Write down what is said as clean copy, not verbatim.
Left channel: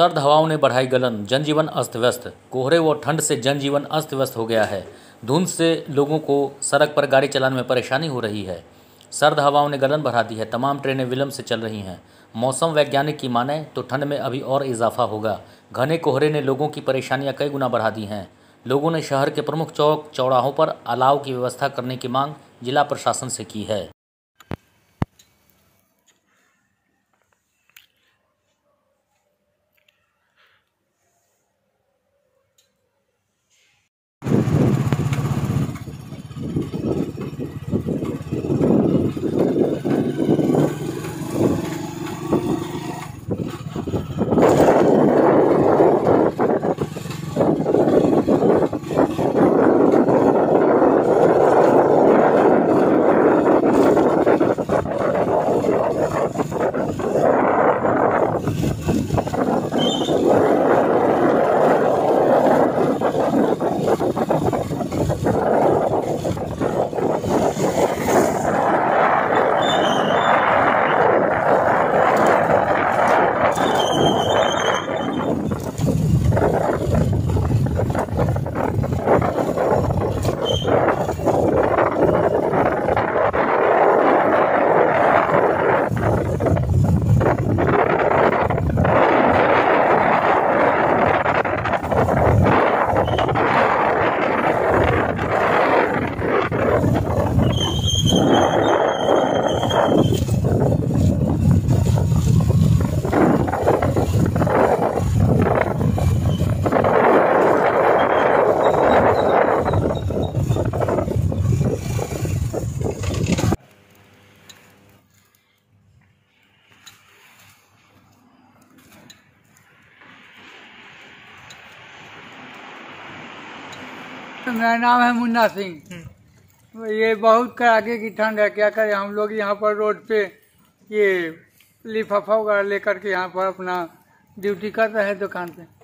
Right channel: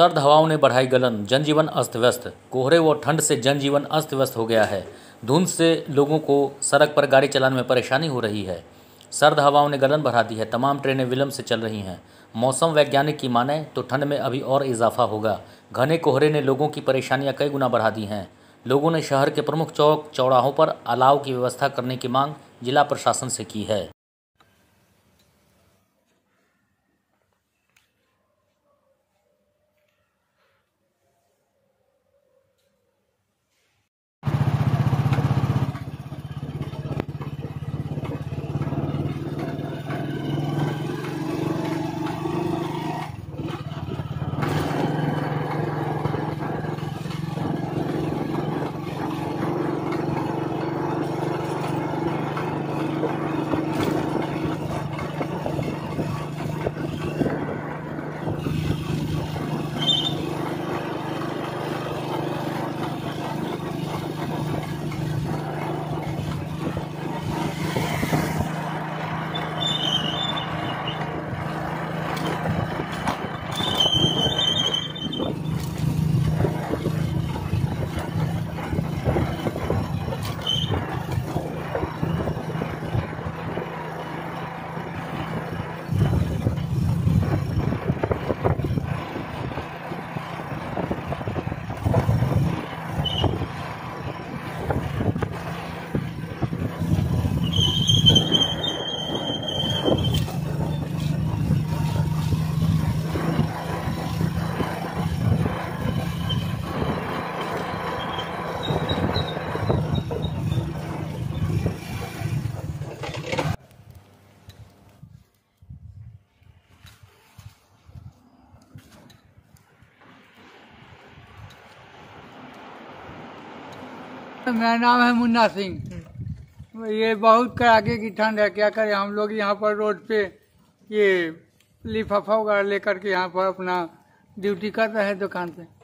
सर्द हवाओं ने बढ़ाई गलन, जनजीवन अस्त व्यस्त। कोहरे व ठंड से जनजीवन अस्त व्यस्त हो गया है। धुंध से लोगों को सड़क पर गाड़ी चलाने में परेशानी हो रही है। सर्द हवाओं ने गलन बढ़ा दी है। तमाम ट्रेनें विलंब से चल रही हैं। मौसम वैज्ञानिक की माने तो ठंड में अभी और इजाफा होगा। घने कोहरे ने लोगों की परेशानियां कई गुना बढ़ा दी हैं। लोगों ने शहर के प्रमुख चौक चौराहों पर अलाव की व्यवस्था करने की मांग जिला प्रशासन से की है। मेरा नाम है मुन्ना सिंह। ये बहुत कड़ाके की ठंड है, क्या करें हम लोग यहाँ पर रोड पे ये लिफाफा वगैरह लेकर के यहाँ पर अपना ड्यूटी कर रहे हैं दुकान पे।